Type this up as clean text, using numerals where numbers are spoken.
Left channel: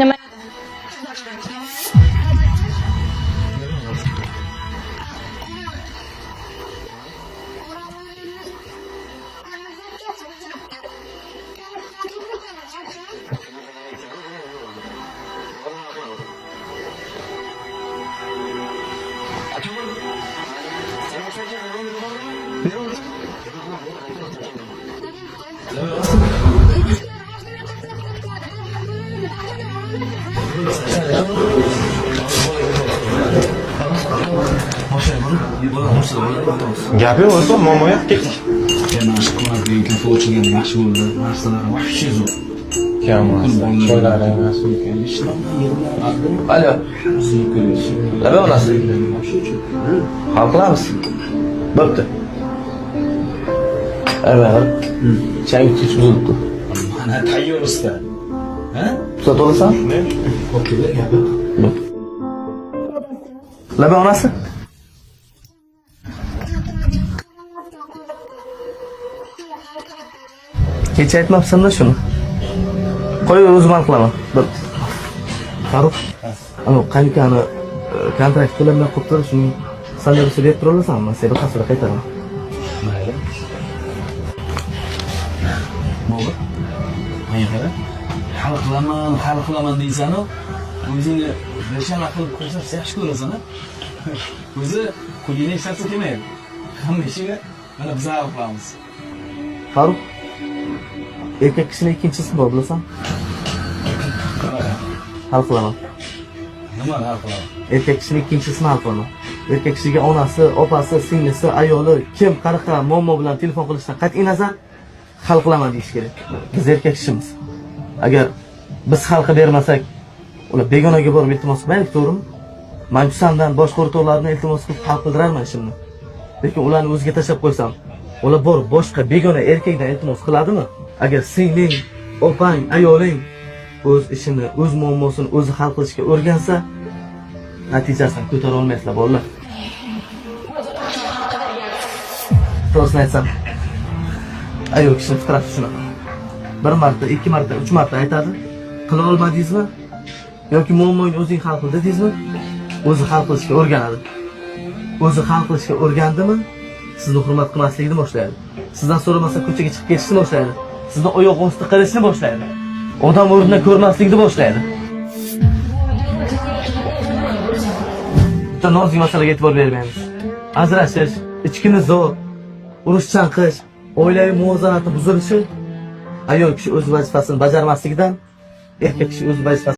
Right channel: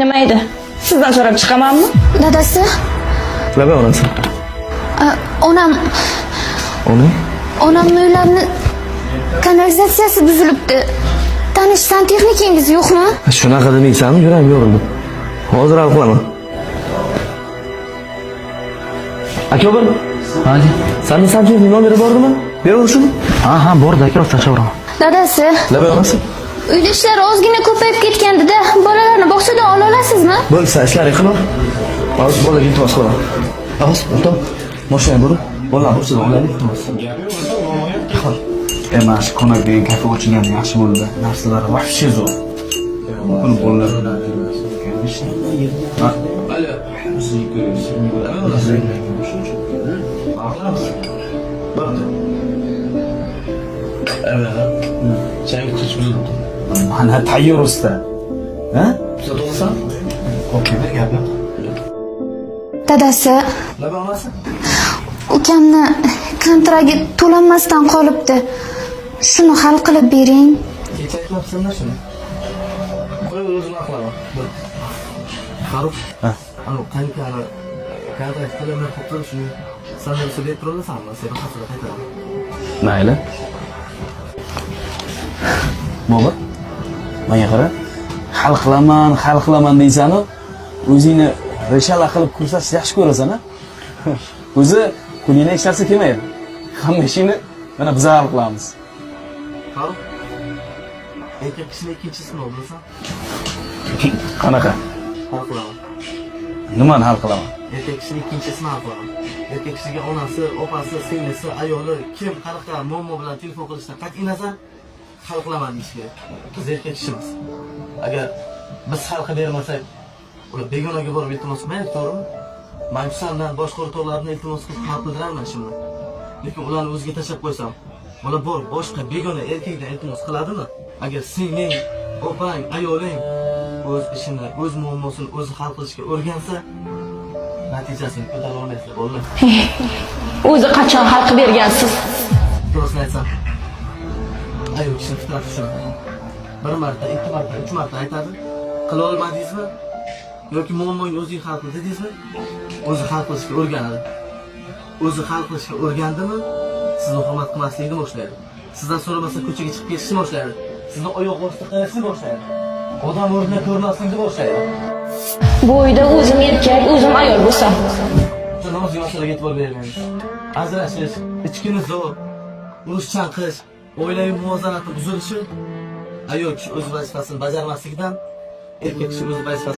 Nima edi? Sizdan so'rab chiqamanmi? Dadasi, Nima onasi? onam uylarini kanalizatsiyasi buzilibdi. Tanish santexnikingiz yo'qmi? Shunaqa demaysanmi? Yuragim yorildi. Hozir hal qilaman. Aka bir. Hadi. Sani santexnik nomeri bordimi? Beraverishmi? Ha, bordi aka, rost chaqiraman. Dadasi, Nima onasi? uyda ishlar ozgina ko'payib ketganda bolalarni bog'chadan ola olasizmi? Bo'lsa ishlar qilma. Hozir bolaga iltimos qilaman. Avaz, to'p. Mashina burib, bolalarni bog'chadan oladi, iltimos. Gap yo'q, o'zi muammo yo'q, ketma. Emas, ko'mak degan kafe ochilganda yaxshi bo'ldi. Narsalari voобще zo'r. Buni bolalar Alo. Nima onasi? Hal qilamiz. Bo'pti. Avval changi kech buzilibdi. mana tayyor usta. Ha? Tuzat olasan? Okey, bir gap yo'q. Dadasi, Nima onasi? ukamni kontragi to'lanmasdan qolibdi. Shuni hal qilib bering. Kecha aytmabsan-da shuni. Qo'yaver, o'zim hal qilaman. Bo'pti. Farruh. Ha. Ana qanikani kontrakt to'lanmay qolibdi, shuning sandaga berib tura olasanmi? Sen bir haftada qaytaraman. Mayli. Bobur, menga qara. Hal qilaman deysan-ku, o'zingni reshala qilib ko'rsatish yaxshi ko'rasan-a? O'zi qo'lingdan hech narsa kelmaydi. Hamma ishingni mana biz hal qilamiz. Farruh. Erkak kishining ikkinchisi bor, bilasan? Qanaqa? Hal qilaman. Nimani hal qilaman? Erkak kishining ikkinchisini hal qilaman. Erkak kishiga onasi, opasi, singlisi, ayoli kim qanaqa muammo bilan telefon qilishidan qat'iy nazar hal qilaman deyish kerak. Biz erkak kishimiz. Agar biz hal qilib bermasak, ular begonaga borib iltimos qilmaylik, to'g'rimi? Men sandan boshqa o'rtoqlarni iltimos qilib hal qildirarman ishimni. Lekin ularni o'ziga tashlab qo'ysam, ular borib boshqa begona erkakdan iltimos qiladimi? Agar singling, opang, ayoling o'z ishini, o'z muammosini o'zi hal qilishga o'rgansa, natijasini ko'tara olmaysizlar, bolalar. O'zi qachon hal qilib bergansiz? Rostini aytsam, ayol kishining fitrati shunaqa. Bir marta, ikki marta, uch marta aytadi. Qila olmadingizmi? Yoki muammoyni o'zing hal qil dedingizmi? O'zi hal qilishga o'rganadi. O'zi hal qilishga o'rgandimi, sizni hurmat qilmaslikni boshlaydi. Sizdan so'ramasa ko'chaga chiqib ketishni boshlaydi. Sizni oyoq osti qilishni boshlaydi. Odam o'rnidan ko'rmaslikni boshlaydi. Bu uyda o'zim erkak, o'zim ayol bo'lsam. Bitta nozik masalaga e'tibor bermaymiz. Ajrashish, ichki nizo, urush chanqish, oilaviy muvozanatning buzilishi ayol kishi o'z vazifasini bajarmasligidan, erkak kishi o'z vazifasini